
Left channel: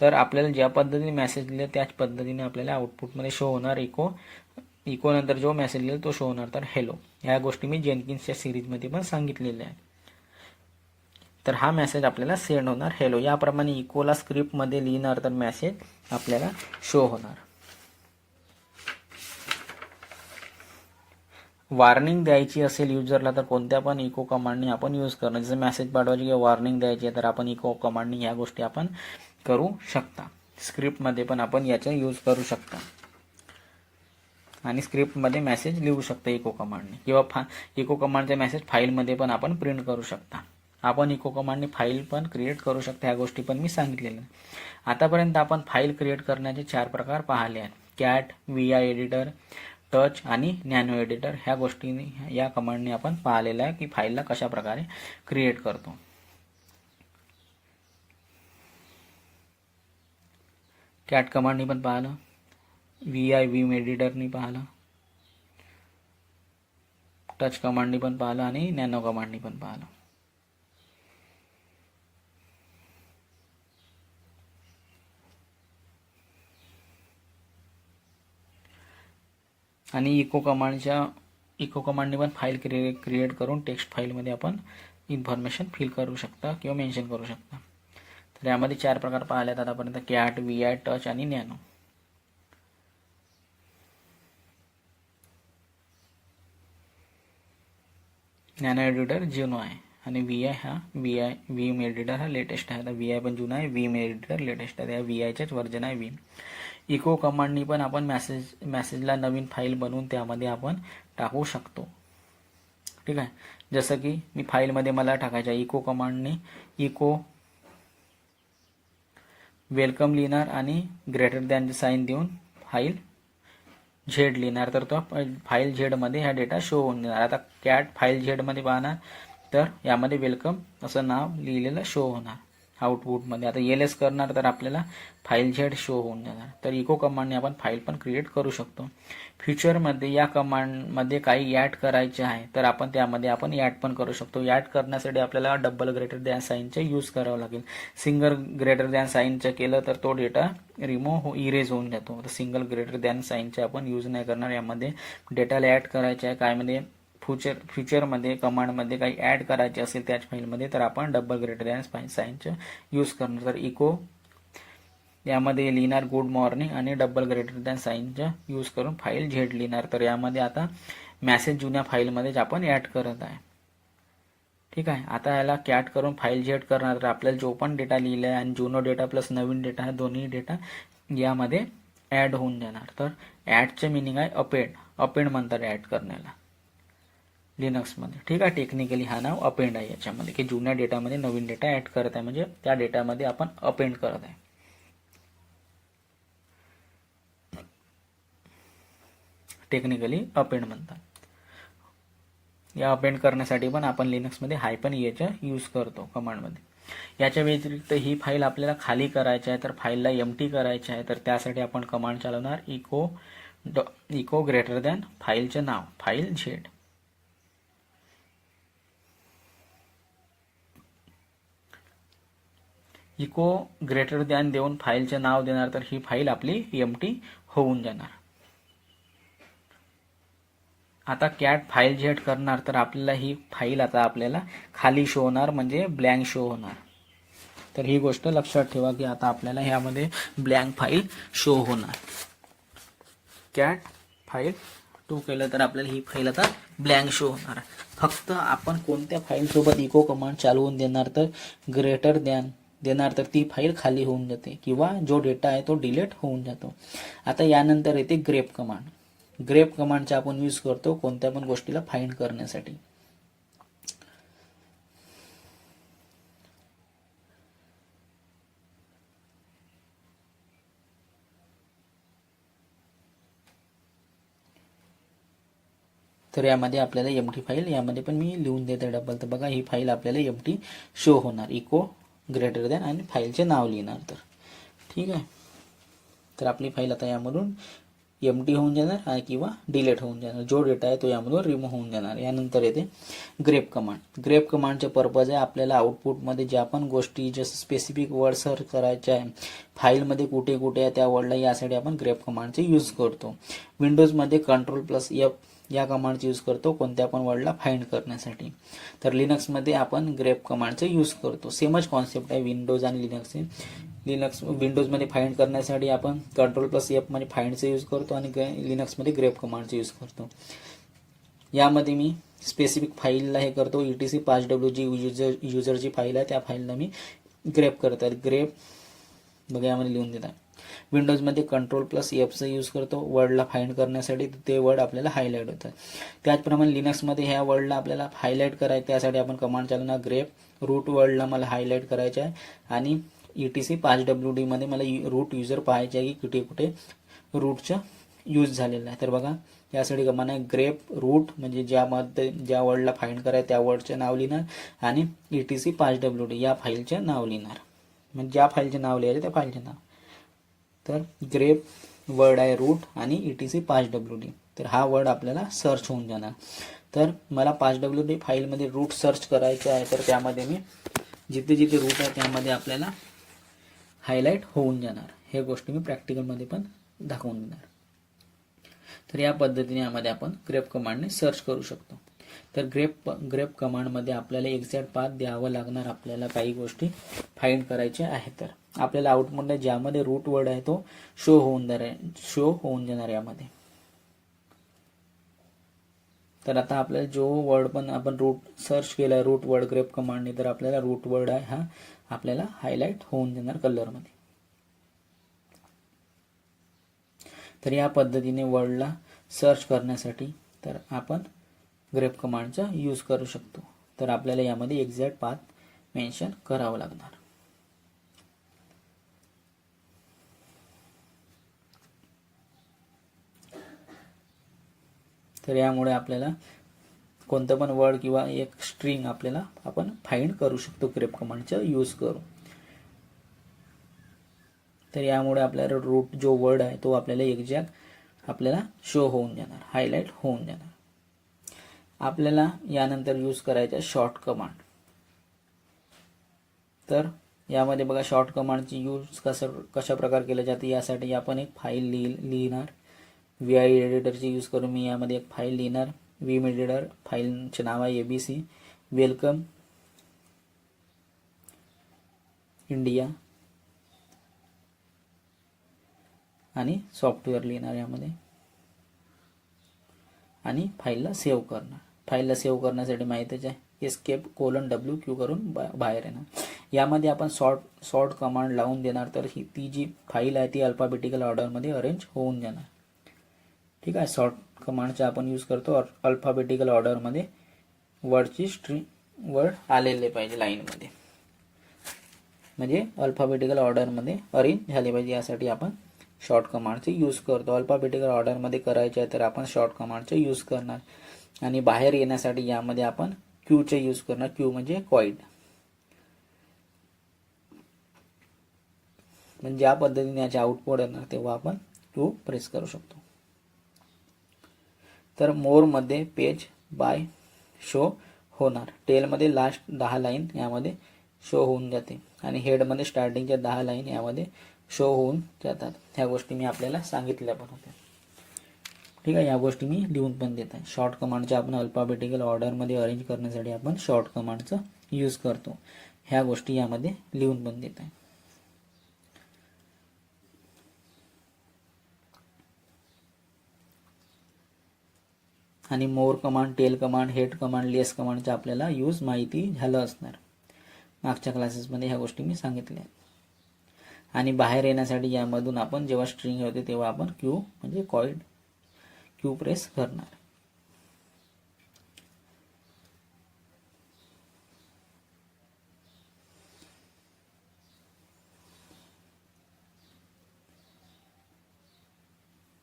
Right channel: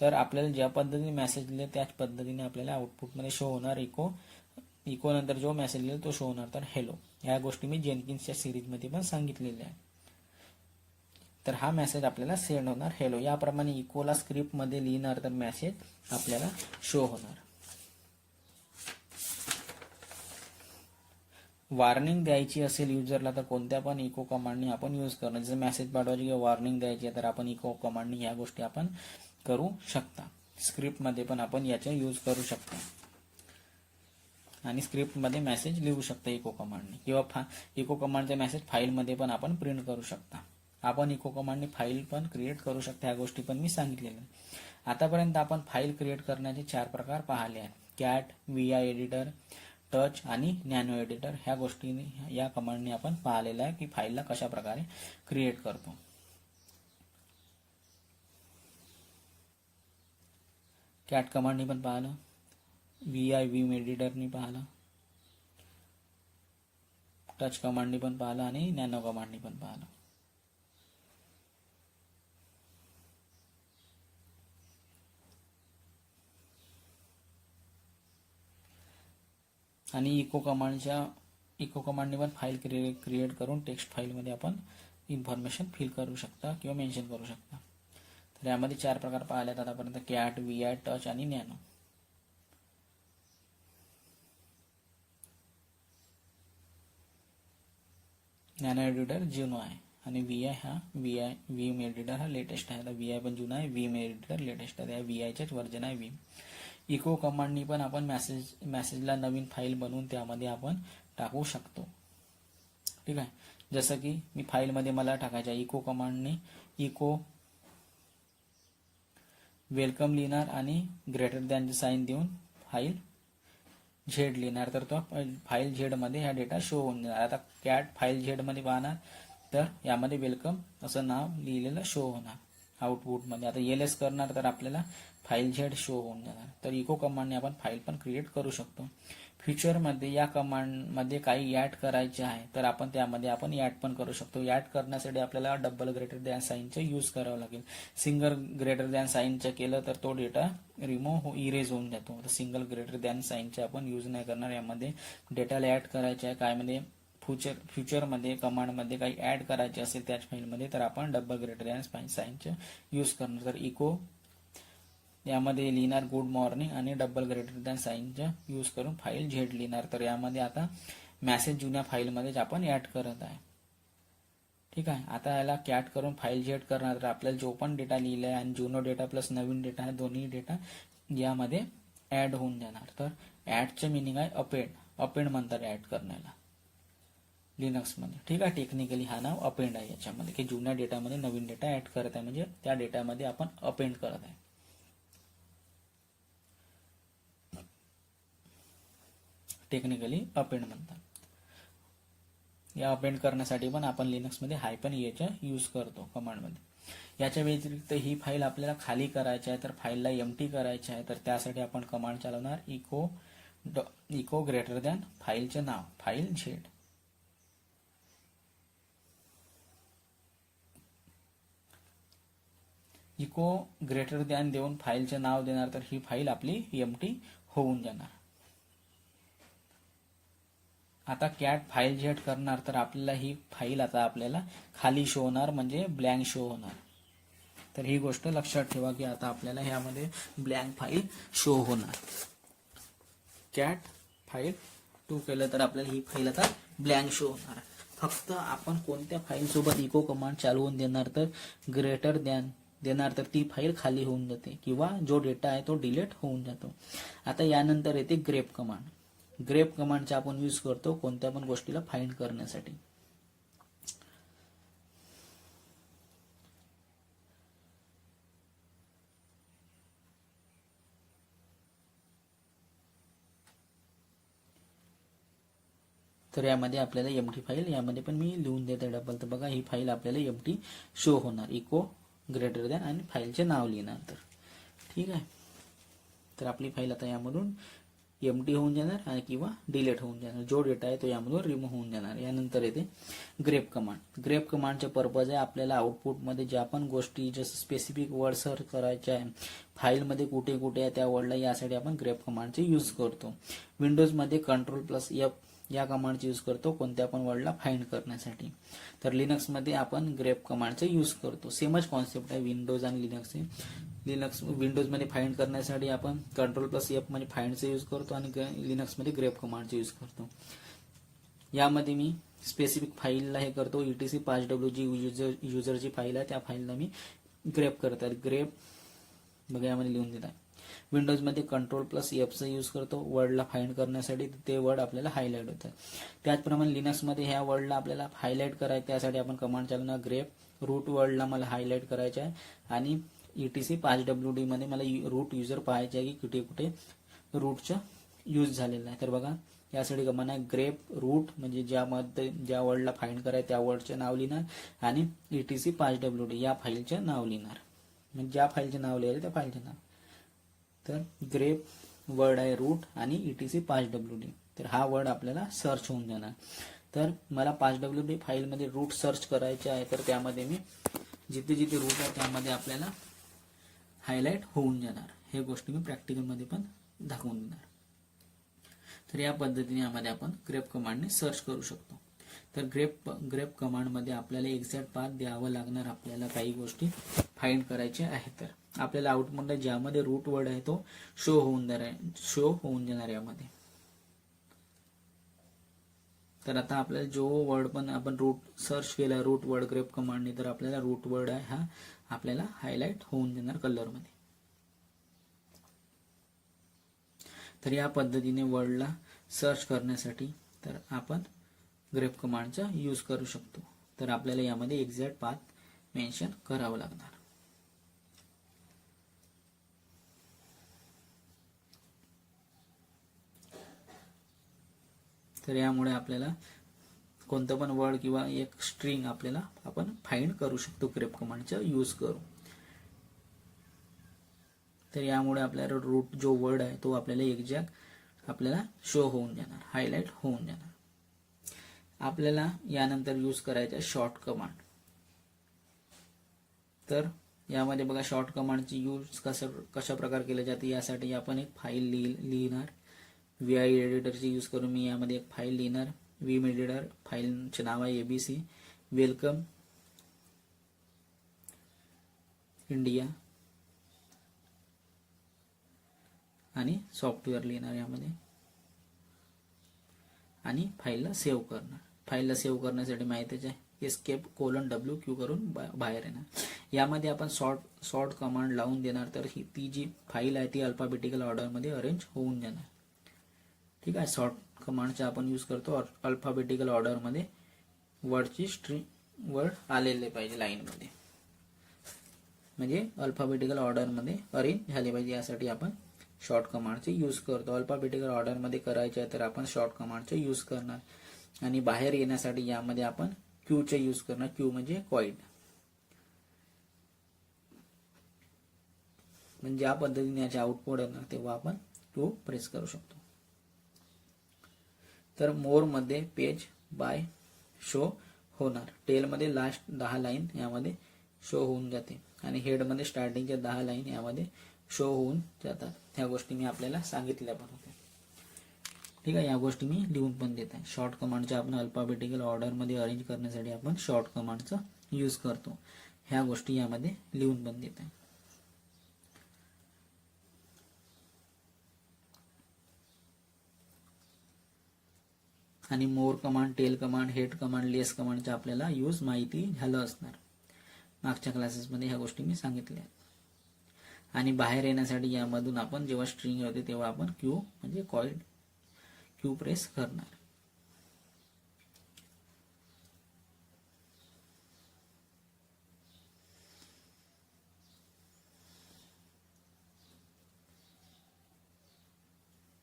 तर आपल्याला ज्या पद्धतीने मेसेज लिहिलं त्याच पद्धतीने आपल्याला आउटपुटमध्ये शो होणार इको नंतर जो मेसेज लिहिल तो शो होणार तर हेलो. ह्या गोष्टी मी जेनकिन्सच्या सिरीजमध्ये पण सांगितलेल्या आहेत. तर हा मेसेज आपल्याला सेंड होणार हेलो. याप्रमाणे इकोला स्क्रिप्टमध्ये लिहिणार तर मेसेज आपल्याला शो होणार. वॉर्निंग द्यायची असेल युजरला तर कोणत्या पण इको कमांडनी आपण यूज करणं. जसं मेसेज पाठवायची किंवा वॉर्निंग द्यायची आहे तर आपण इको कमांडनी ह्या गोष्टी आपण करू शकता. स्क्रिप्टमध्ये पण आपण याचा यूज करू शकता आणि स्क्रिप्टमध्ये मेसेज लिहू शकता इको कमांडने किंवा इको कमांडचा मेसेज फाईलमध्ये पण आपण प्रिंट करू शकता. आपण इको कमांडने फाईल पण क्रिएट करू शकता. ह्या गोष्टी पण मी सांगितलेल्या. आतापर्यंत आपण फाईल क्रिएट करण्याचे 4 प्रकार पाहिले आहेत. कॅट, VI एडिटर, टच आणि नॅनो एडिटर. ह्या गोष्टींनी या कमांडने आपण पाहिलेलं आहे की फाईलला कशा प्रकारे क्रिएट करतो. कॅट कमांडनी पण पाहिलं, विम एडिटरनी पाहिलं, टच कमांडनी पण पाहिलं आणि नॅनो कमांडनी पण पाहिलं. आणि इको कमांडने पण फाईल क्रिएट करून टेक्स्ट फाईलमध्ये आपण इन्फॉर्मेशन फिल करू शकता किंवा मेन्शन करू शकता. तर यामध्ये 4 प्रकार पाहिले आहेत आतापर्यंत, कॅट, VI, टच आणि नॅनो. नॅनो एडिटर जुनो आहे आणि व्हीएम एडिटर हा लेटेस्ट आहे. आता VI पण जुना आहे, व्हीएम एडिटर लेटेस्ट आहे. VIच्याच व्हर्जन आहे व्हीएम. इको कमांडनी पण आपण मेसेजला नवीन फाईल बनवून त्यामध्ये आपण टाकू शकतो. ठीक आहे, जसं की मी फाईलमध्ये मला टाकायचं आहे, इको कमांडनी इको वेलकम लिहिणार आणि ग्रेटर दॅनचे साईन देऊन फाईल झेड लिहिणार, तर तो फाईल झेडमध्ये हा डेटा शो होऊन देणार. आता कॅट फाईल झेडमध्ये पाहणार तर यामध्ये वेलकम असं नाव लिहिलेलं शो होणार आउटपुटमध्ये. आता LS करणार तर आपल्याला फाईल झेड शो होऊन जाणार. तर इको कमांडने आपण फाईल पण क्रिएट करू शकतो. फ्युचरमध्ये या कमांडमध्ये काही ॲड करायचे आहे तर आपण त्यामध्ये आपण ॲड पण करू शकतो. ॲड करण्यासाठी आपल्याला डबल ग्रेटर दॅन साईनचा यूज करावा लागेल. सिंगल ग्रेटर दॅन साईनचं केलं तर तो डेटा इरेज होऊन जातो. तर सिंगल ग्रेटर दॅन साईनचा आपण यूज नाही करणार. यामध्ये डेटाला ॲड करायचे आहे कायमध्ये फ्युचरमध्ये कमांडमध्ये काही ॲड करायचे असेल त्याच फाईलमध्ये तर आपण डबल ग्रेटर दॅन साईनचं यूज करणार. तर इको यामध्ये लिहिणार गुड मॉर्निंग आणि डबल ग्रेटर दॅन साईनचा यूज करून फाईल झेड लिहिणार. तर यामध्ये आता मेसेज जुन्या फाईलमध्येच आपण ॲड करत आहे. ठीक आहे, आता याला कॅट करून फाईल झेड करणार तर आपल्याला जो पण डेटा लिहिला आहे आणि जुनो डेटा प्लस नवीन डेटा आहे दोन्ही डेटा यामध्ये ॲड होऊन जाणार. तर ॲडचे मिनिंग आहे अपेंड म्हणतात ॲड करण्याला लिनक्समध्ये. ठीक आहे, टेक्निकली हा नाव अपेंड आहे याच्यामध्ये, की जुन्या डेटामध्ये नवीन डेटा ॲड करत आहे म्हणजे त्या डेटामध्ये आपण अपेंड करत आहे. टेक्निकली अपेंड म्हणतात. या अपेंड करण्यासाठी पण आपण लिनक्समध्ये -eचा यूज करतो कमांडमध्ये. याच्या व्यतिरिक्त ही फाईल आपल्याला खाली करायची आहे तर फाईलला एम्प्टी करायची आहे तर त्यासाठी आपण कमांड चालवणार इको ग्रेटर दॅन फाईलचे नाव file Z. Echo greater than देऊन फाईलचे नाव देणार तर ही फाईल आपली एम्प्टी होऊन जाणार. आता कॅट फाईल झेड करणार तर आपल्याला ही फाईल आता आपल्याला खाली शो होणार म्हणजे ब्लँक शो होणार. तर ही गोष्ट लक्षात ठेवा की आता आपल्याला ह्यामध्ये ब्लँक फाईल शो होणार. कॅट फाईल 2 केलं तर आपल्याला ही फाईल आता ब्लँक शो होणार. फक्त आपण कोणत्या फाईल सोबत इको कमांड चालवून देणार तर ग्रेटर दॅन देणार तर ती फाईल खाली होऊन जाते किंवा जो डेटा आहे तो डिलीट होऊन जातो. आता यानंतर येते ग्रेप कमांड. ग्रेप कमांडचा आपण यूज करतो कोणत्या पण गोष्टीला फाइंड करण्यासाठी. तर यामध्ये आपल्याला एम्प्टी फाईल यामध्ये पण मी लिहून देते डबल. तर बघा ही फाईल आपल्याला एम्प्टी शो होणार इको ग्रेटर दॅन आणि फाईलचे नाव लिहिणार. तर ठीक आहे, तर आपली फाईल आता यामधून एम्प्टी होऊन जाणार किंवा डिलीट होऊन जाणार. जो डेटा आहे तो यामधून रिमूव्ह होऊन जाणार. यानंतर येते ग्रेप कमांड. ग्रेप कमांडचे पर्पज आहे आपल्याला आउटपुटमध्ये ज्या पण गोष्टी जसं स्पेसिफिक वर्ड सर्च करायचे आहे फाईलमध्ये कुठे कुठे आहे त्या वर्डला यासाठी आपण ग्रेप कमांडचे यूज करतो. विंडोजमध्ये Ctrl+F या कमांडचे यूज करतो कोणत्या पण वर्डला फाइंड करण्यासाठी. तर लिनक्समध्ये आपण ग्रेप कमांडचे यूज करतो. सेमच कॉन्सेप्ट आहे विंडोज आणि लिनक्सचे. विंडोजमध्ये फाइंड करण्यासाठी आपण Ctrl+F मध्ये फाइंडचे यूज करतो आणि लिनक्समध्ये ग्रेप कमांडचे यूज करतो. यामध्ये मी स्पेसिफिक फाईलला हे करतो etc5w जी युजरची फाईल आहे त्या फाईलला मी ग्रेप करत आहे. ग्रेप बघा यामध्ये लिहून देत आहे. विंडोजमध्ये Ctrl+F यूज करतो वर्डला फाइंड करण्यासाठी ते वर्ड आपल्याला हायलाइट होतात. त्याचप्रमाणे लिनक्समध्ये ह्या वर्डला आपल्याला हायलाइट करायचं त्यासाठी आपण कमांड चालवणार ग्रेप. रूट वर्डला मला हायलाइट करायचं आहे आणि etc5wd मध्ये मला रूट युजर पाहायचे आहे की कुठे कुठे रूटचं यूज झालेलं आहे. तर बघा यासाठी कमांड आहे ग्रेप रूट म्हणजे ज्या वर्डला फाइंड करायचं त्या वर्डचे नाव लिहिणार आणि etc5wd या फाईलचे नाव लिहिणार. म्हणजे ज्या फाईलचे नाव लिहायचे त्या फाईलचे नाव. तर ग्रेप वर्ड आहे रूट आणि etc5wd. तर हा वर्ड आपल्याला सर्च होऊन जाणार. तर मला 5wd फाईलमध्ये रूट सर्च करायचे आहे तर त्यामध्ये मी जिथे जिथे रूट आहे त्यामध्ये आपल्याला हायलाइट होऊन जाणार. हे गोष्टी मी प्रॅक्टिकलमध्ये पण दाखवून देणार. तर या पद्धतीने यामध्ये आपण ग्रेप कमांडने सर्च करू शकतो. तर ग्रेप कमांडमध्ये आपल्याला एक्झॅक्ट पाथ द्यावं लागणार. आपल्याला काही गोष्टी फाइंड करायच्या आहेत तर आपल्याला आउटपुटमध्ये ज्यामध्ये रूट वर्ड आहे तो शो होऊन जाणार यामध्ये. तर आता आपल्याला जो वर्ड पण आपण रूट सर्च केला, रूट वर्ड ग्रेप कमांडने, तर आपल्याला रूट वर्ड आहे हा आपल्याला हायलाइट होऊन देणार कलरमध्ये. तर या पद्धतीने वर्डला सर्च करण्यासाठी तर आपण ग्रेप कमांडचा यूज करू शकतो. तर आपल्याला यामध्ये एक्झॅक्ट पाथ मेन्शन करावं लागणार. तर यामुळे आपल्याला कोणतं पण वर्ड किंवा एक स्ट्रिंग आपल्याला आपण फाइंड करू शकतो ग्रेप कमांडचा यूज करून. तर यामुळे आपल्याला रूट जो वर्ड आहे तो आपल्याला एक्झॅक्ट आपल्याला शो होऊन जाणार, हायलाइट होऊन जाणार. आपल्याला यानंतर यूज करायचा शॉर्ट कमांड. तर यामध्ये बघा शॉर्ट कमांडची यूज कशा प्रकार केले जाते यासाठी आपण एक फाईल लिहिणार. VI एडिटरची यूज करून मी यामध्ये एक फाईल लिहिणार. विम एडिटर फाईलचे नाव आहे ABC वेलकम इंडिया आणि सॉफ्टवेअर लिहिणार यामध्ये आणि फाईलला सेव्ह करणार. फाईलला सेव्ह करण्यासाठी माहितीच आहे escape:W करून बाहेर येणार. यामध्ये आपण सॉर्ट कमांड लावून देणार. तर ती जी फाईल आहे ती अल्फाबेटिकल ऑर्डरमध्ये अरेंज होऊन जाणार. ठीक आहे. सॉर्ट कमांडचा आपण यूज करतो अल्फाबेटिकल ऑर्डरमध्ये वर्डची स्ट्रिंग वर्ड आलेले पाहिजे लाईनमध्ये, म्हणजे अल्फाबेटिकल ऑर्डरमध्ये अरेंज झाले पाहिजे. यासाठी आपण शॉर्ट कमांडचे यूज करतो. अल्फाबेटिकल ऑर्डरमध्ये करायचे आहे तर आपण शॉर्ट कमांडचे यूज करणार. आणि बाहेर येण्यासाठी यामध्ये आपण क्यूचे यूज करणार. क्यू म्हणजे क्वाइट. म्हणजे ज्या पद्धतीने याचे आउटपुट येणार तेव्हा आपण क्यू प्रेस करू शकतो. तर मोर मध्ये पेज बाय शो होणार. टेलमध्ये लास्ट 10 लाईन यामध्ये शो होऊन जाते आणि हेडमध्ये स्टार्टिंगच्या 10 लाईन यामध्ये शो होऊन जातात. ह्या गोष्टी मी आपल्याला सांगितल्या पण होत्या. ठीक आहे. या गोष्टी मी लिहून पण देत आहे. शॉर्ट कमांडचा आपण अल्फाबेटिकल ऑर्डरमध्ये अरेंज करण्यासाठी आपण शॉर्ट कमांडचा यूज करतो. ह्या गोष्टी यामध्ये लिहून पण देत आहे. आणि more command, tail command, head command, less कमांडचा आपल्याला यूज माहिती झालं असणार. मागच्या क्लासेसमध्ये ह्या गोष्टी मी सांगितल्या. आणि बाहेर येण्यासाठी यामधून आपण जेव्हा स्ट्रिंग होते तेव्हा आपण क्यू म्हणजे क्यू प्रेस करणार.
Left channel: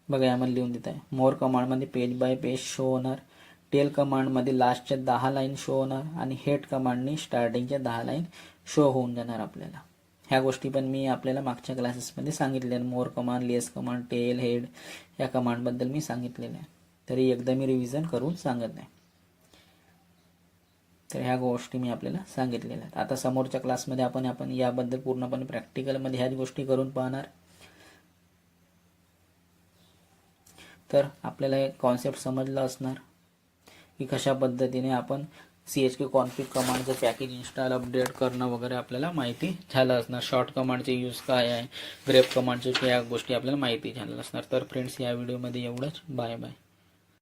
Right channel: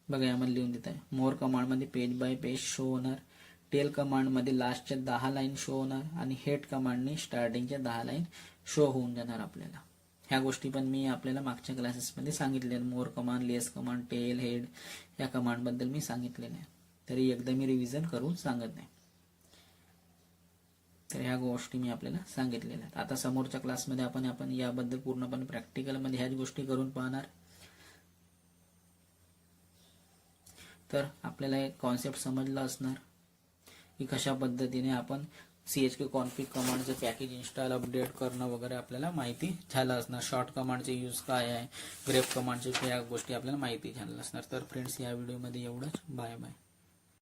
बघा यामध्ये लिहून देत आहे. मोर कमांडमध्ये पेज बाय पेज शो होणार. टेल कमांडमध्ये लास्टच्या 10 लाईन शो होणार आणि हेड कमांडने स्टार्टिंगच्या 10 लाईन शो होऊन जाणार आपल्याला. ह्या गोष्टी पण मी आपल्याला मागच्या क्लासेसमध्ये सांगितल्या. मोर कमांड, लेस कमांड, टेल, हेड या कमांडबद्दल मी सांगितलेलं आहे. तरी एकदा मी रिव्हिजन करून सांगत नाही. तर ह्या गोष्टी मी आपल्याला सांगितलेल्या आहेत. आता समोरच्या क्लासमध्ये आपण याबद्दल पूर्णपणे प्रॅक्टिकलमध्ये ह्याच गोष्टी करून पाहणार. तर आपल्याला एक कॉन्सेप्ट समजला असणार की कशा पद्धतीने आपण chk config कमांडचं पॅकेज इन्स्टॉल अपडेट करणं वगैरे आपल्याला माहिती झालं असणार. शॉर्ट कमांडचे यूज काय आहे, ग्रेप कमांडचे या गोष्टी आपल्याला माहिती झाल्या असणार. तर फ्रेंड्स या व्हिडिओमध्ये एवढंच. Bye bye.